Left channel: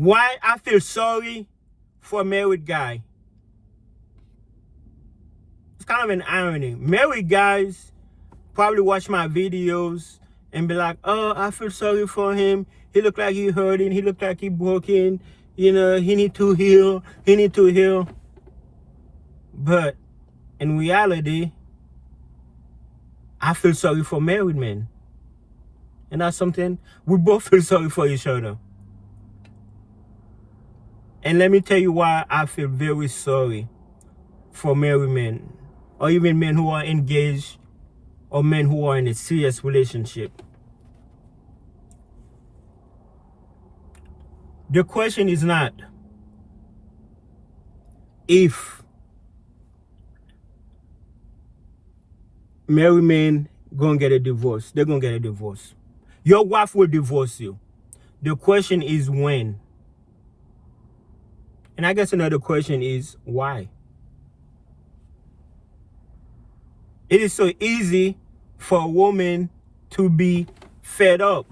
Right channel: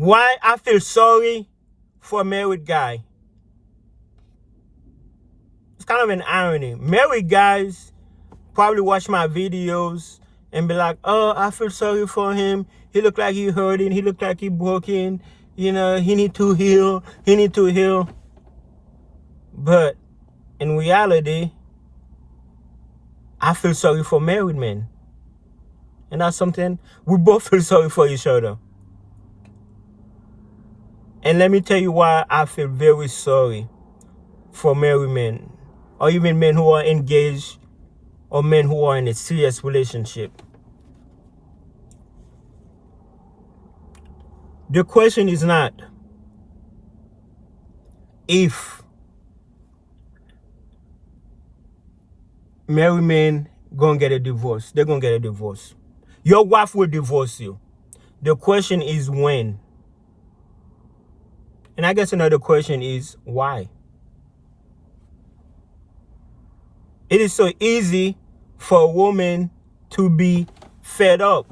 Why I feel sorry for a married guy? It's kind of an irony. Married guys probably watch my videos and be like, oh, I feel sorry for him. He look like he hurting. He look like he broken. You know, he need to heal. He need to heal. But in reality, I feel sorry for married men. And that's something we both feel sorry for each other. And let me tell you why I feel very sorry for married men, or even men who are engaged, or men who are in a serious relationship. The question is not if married men gonna get a divorce. They're gonna get a divorce. Your wife will divorce you. The question is when. And I guess another question is why. It is so easy for a woman to be fed up.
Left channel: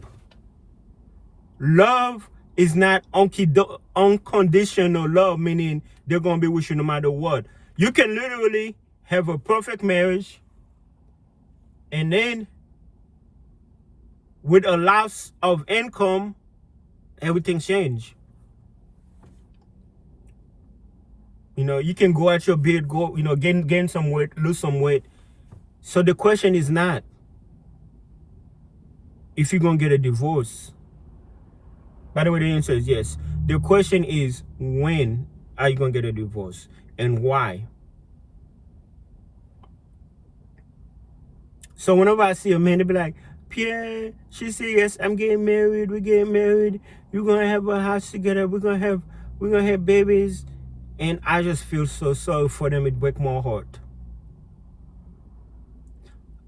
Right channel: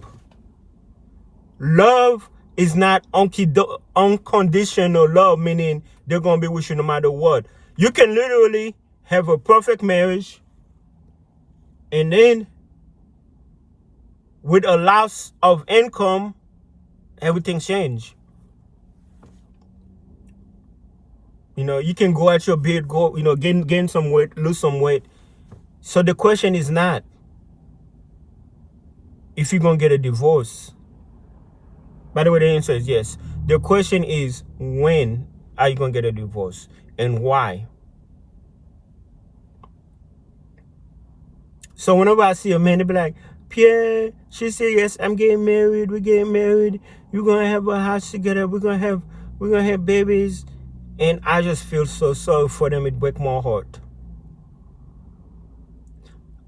Love is not unconditional love, meaning they're going to be with you no matter what. You can literally have a perfect marriage, and then with a loss of income, everything change. You know, you can go at your beard, go, you know, gain some weight, lose some weight. So the question is not if you're going to get a divorce. By the way, the answer is yes. The question is, when are you going to get a divorce and why? So whenever I see a man, they be like, Pierre, she said, yes, I'm getting married. We're getting married. We're going to have a house together. We're going to have babies. And I just feel so sorry for them. It breaks my heart.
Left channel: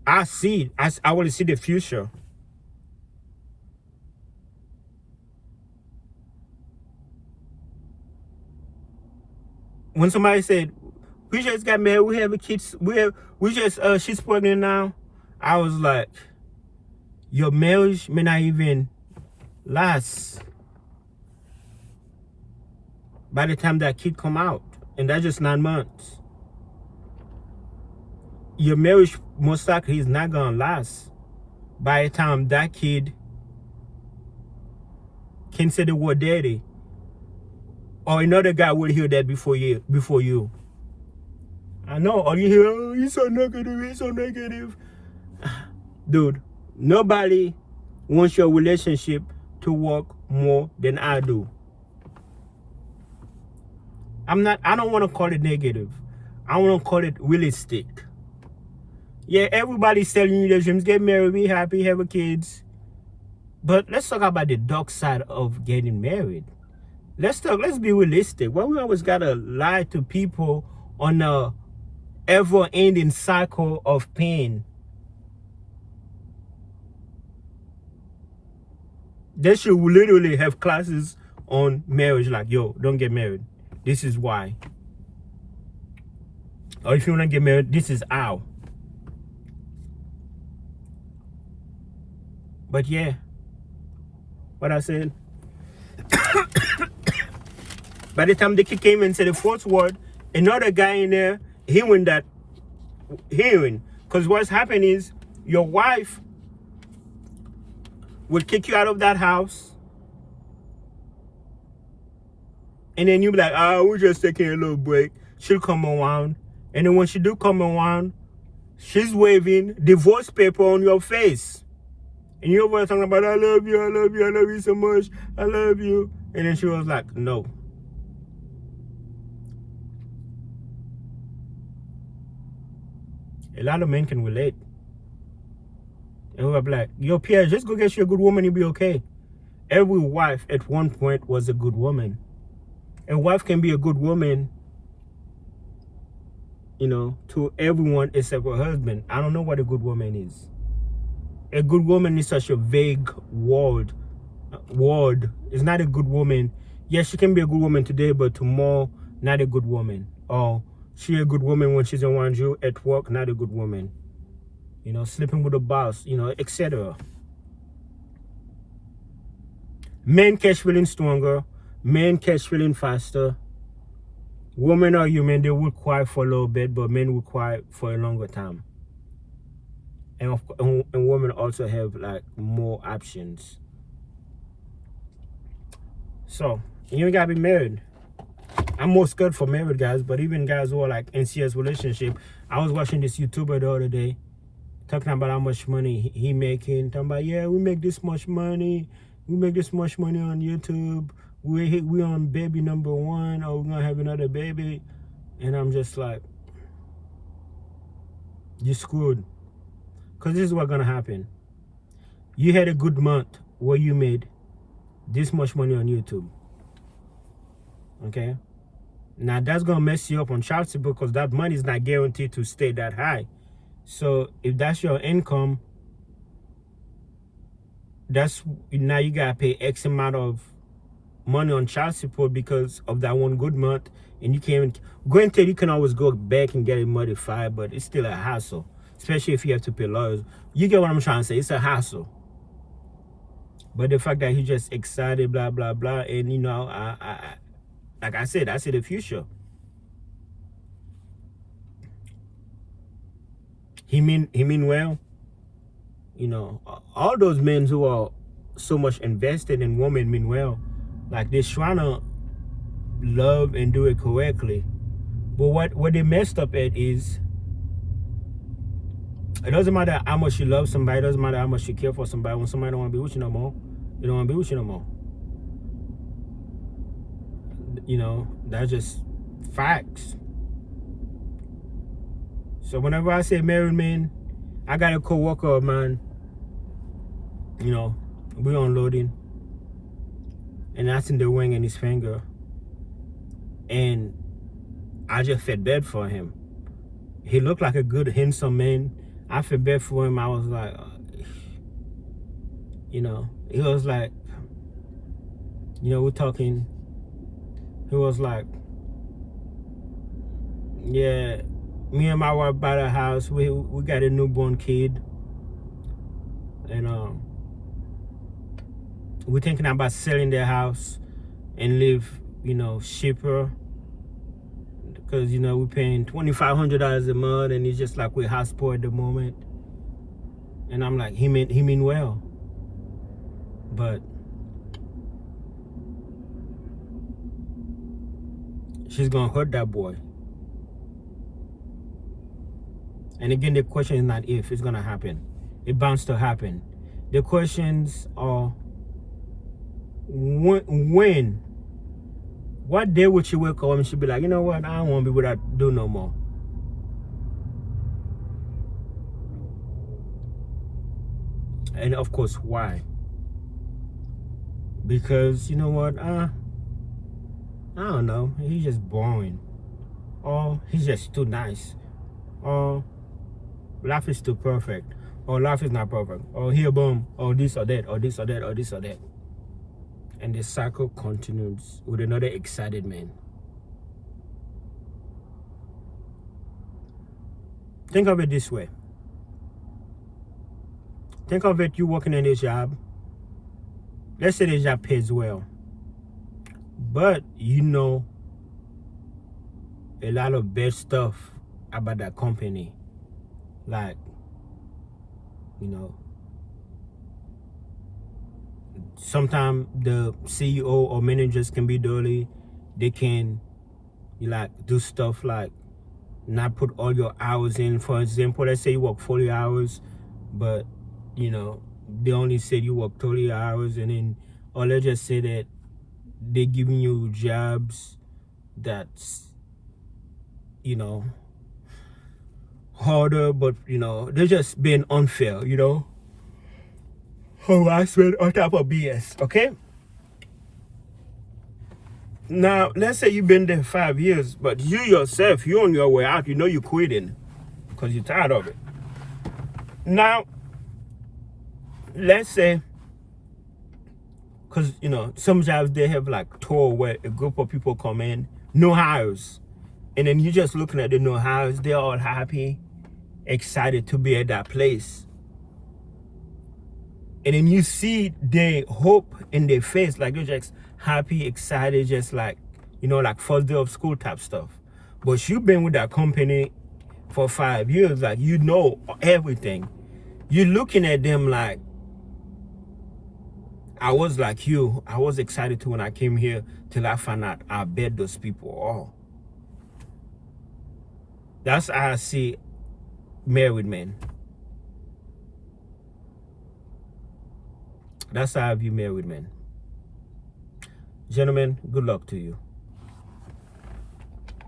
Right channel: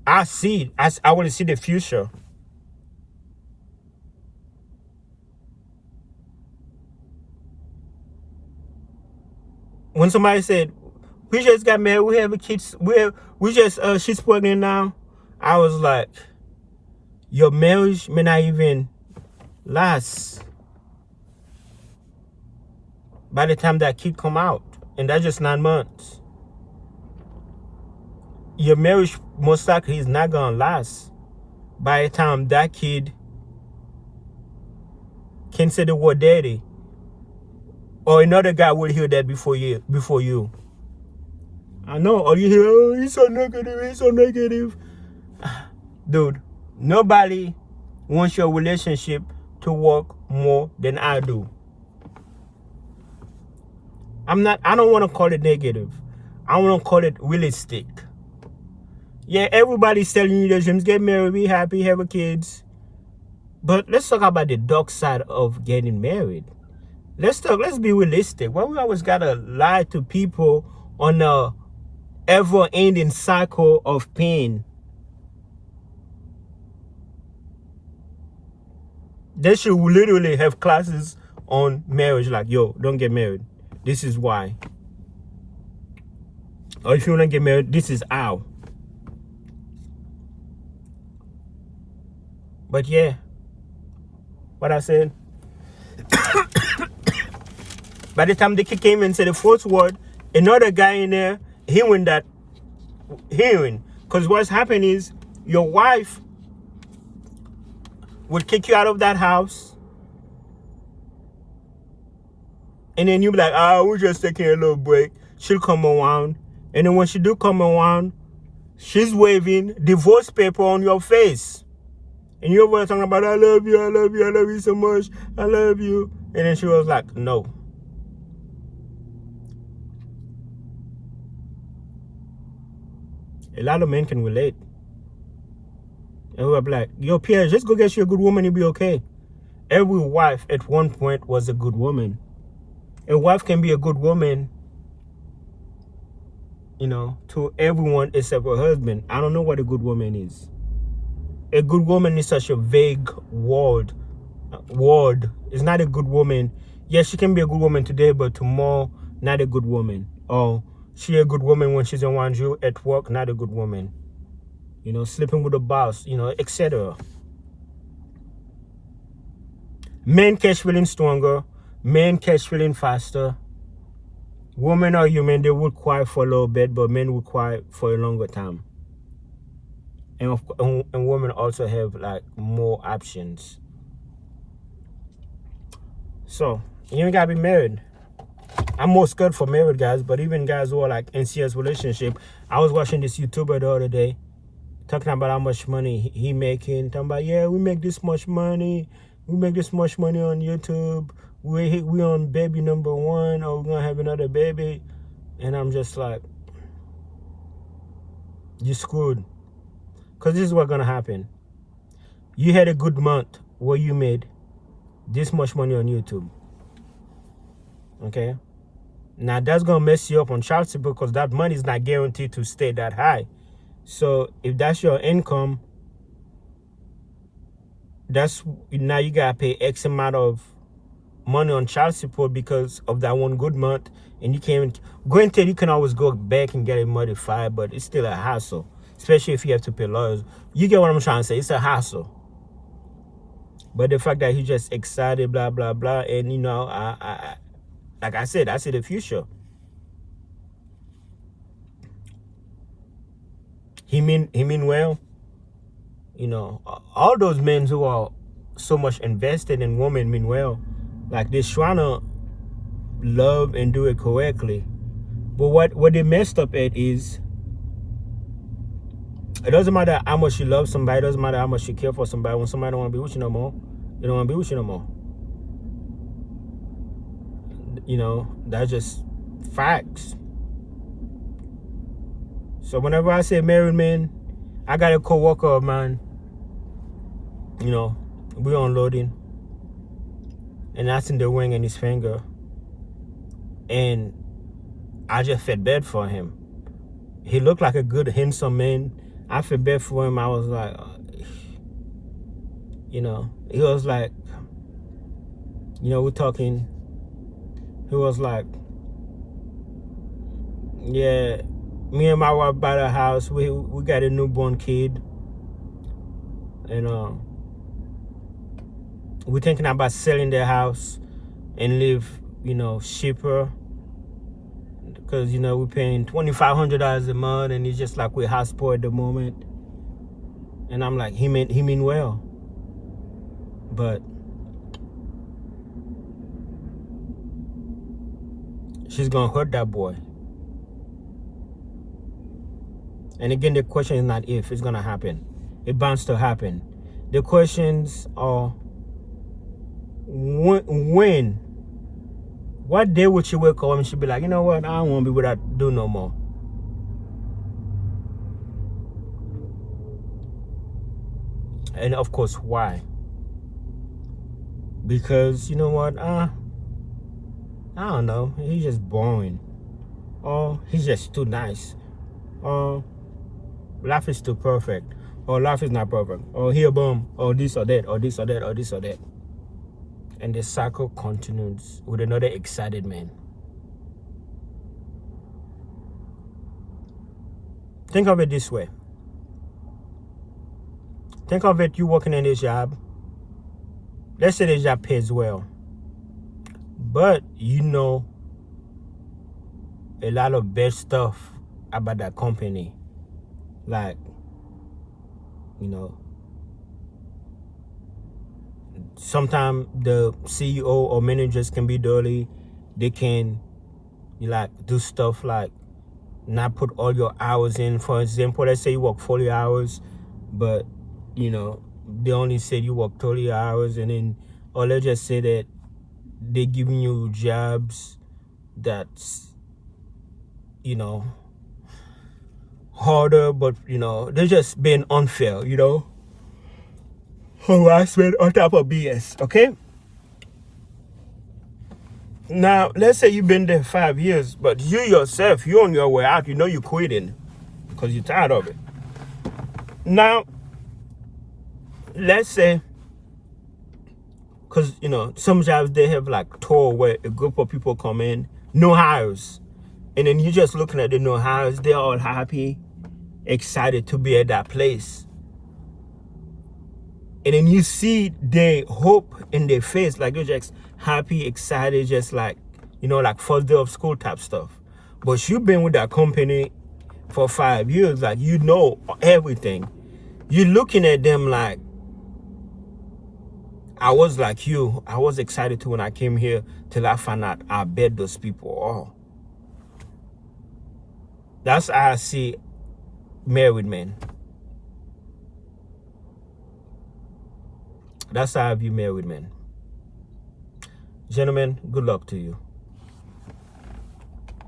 I want to see the future. When somebody said, we just got married, we have a kid, she's pregnant now, I was like, your marriage may not even last by the time that kid come out, and that's just 9 months. Your marriage most likely is not gonna last by the time that kid can say the word daddy, or another guy will hear that before you. I know, or you hear, oh, he's so negative. Dude, nobody wants your relationship to work more than I do. I don't want to call it negative. I want to call it realistic. Yeah, everybody's telling you their dreams, get married, be happy, have kids. But let's talk about the dark side of getting married. Let's be realistic. Why we always gotta lie to people on a ever-ending cycle of pain? They should literally have classes on marriage, like, yo, don't get married. This is why. Or if you want to get married, this is how. But yeah, what I said, by the time the kid came and said the fourth word, another guy in there hearing. Because what's happened is your wife would kick you out of that house, and then you be like, we're just taking a little break. She'll come around, and then when she do come around, she's waving divorce paper on your face. And you're over talking about, I love you so much, I love you. And then she was like, no. A lot of men can relate. And we're like, yo, Pierre, just go get you a good woman, you'll be okay. Every wife at one point was a good woman. A wife can be a good woman, you know, to everyone except her husband. I don't know what a good woman is. A good woman is such a vague word. It's not a good woman. Yes, she can be a good woman today, but tomorrow, not a good woman. Or she a good woman when she's around you at work, not a good woman. You know, sleeping with a boss, you know, etc. Men catch feelings stronger. Men catch feeling faster. Women are human, they will cry for a little bit, but men will cry for a longer time. And women also have like more options. So you ain't gotta be married. I'm more scared for married guys, but even guys who are like in serious relationship. I was watching this YouTuber the other day talking about how much money he making. Talking about, yeah, we make this much money. We make this much money on YouTube. We on baby number 1, or we're gonna have another baby. And I'm just like, you screwed. Because this is what's gonna happen. You had a good month where you made this much money on YouTube. Okay? Now that's gonna mess you up on child support, because that money is not guaranteed to stay that high. So if that's your income, that's now you gotta pay X amount of money on child support because of that one good month. And you can't, granted, you can always go back and get it modified, but it's still a hassle, especially if you have to pay lawyers. You get what I'm trying to say? It's a hassle. But the fact that he's just excited, blah blah blah, and you know, I like I said, I see the future. He mean well. You know, all those men who are so much invested in women mean well. Like they're trying to love and do it correctly. But what they messed up at is, it doesn't matter how much you love somebody, it doesn't matter how much you care for somebody. When somebody don't want to be with you no more, they don't want to be with you no more. You know, that's just facts. So whenever I say married men, I got a co-worker of mine, you know, we're unloading, and I seen the ring in his finger, and I just felt bad for him. He looked like a good, handsome man. I felt bad for him. I was like, you know, he was like, you know, we're talking. He was like, yeah, me and my wife bought a house. We got a newborn kid, and we're thinking about selling the house and live, you know, cheaper. Because, you know, we're paying $2,500 a month, and it's just like we're house poor at the moment. And I'm like, he mean well. But she's gonna hurt that boy. And again, the question is not if, it's gonna happen. It bounds to happen. The questions are when. What day would she wake up and she'd be like, you know what, I don't want to be without do no more. And of course, why? Because, you know what, I don't know, he's just boring. Or he's just too nice. Or life is too perfect. Or life is not perfect. Or here, boom, or this or that, or this or that, or this or that. And the cycle continues with another excited man. Think of it this way. Think of it, you working in a job. Let's say the job pays well. But you know a lot of bad stuff about that company. Like, you know, sometimes the CEO or managers can be dirty. They can like do stuff like not put all your hours in. For example, let's say you work 40 hours, but you know, they only said you work 30 hours, and then, or let's just say that they're giving you jobs that's, you know, harder, but you know, they're just being unfair, you know. Harassment on top of BS, okay? Now, let's say you've been there 5 years, but you yourself, you're on your way out, you know you're quitting because you're tired of it. Now, let's say, because, you know, some jobs, they have like tour where a group of people come in, no hires. And then you're just looking at the no hires, they're all happy, excited to be at that place. And then you see their hope in their face, like they're just happy, excited, just like, you know, like first day of school type stuff. But you've been with that company for 5 years, like you know everything. You're looking at them like, I was like you. I was excited too when I came here till I found out I bet those people are. That's how I see married men. That's how I view married men. Gentlemen, good luck to you.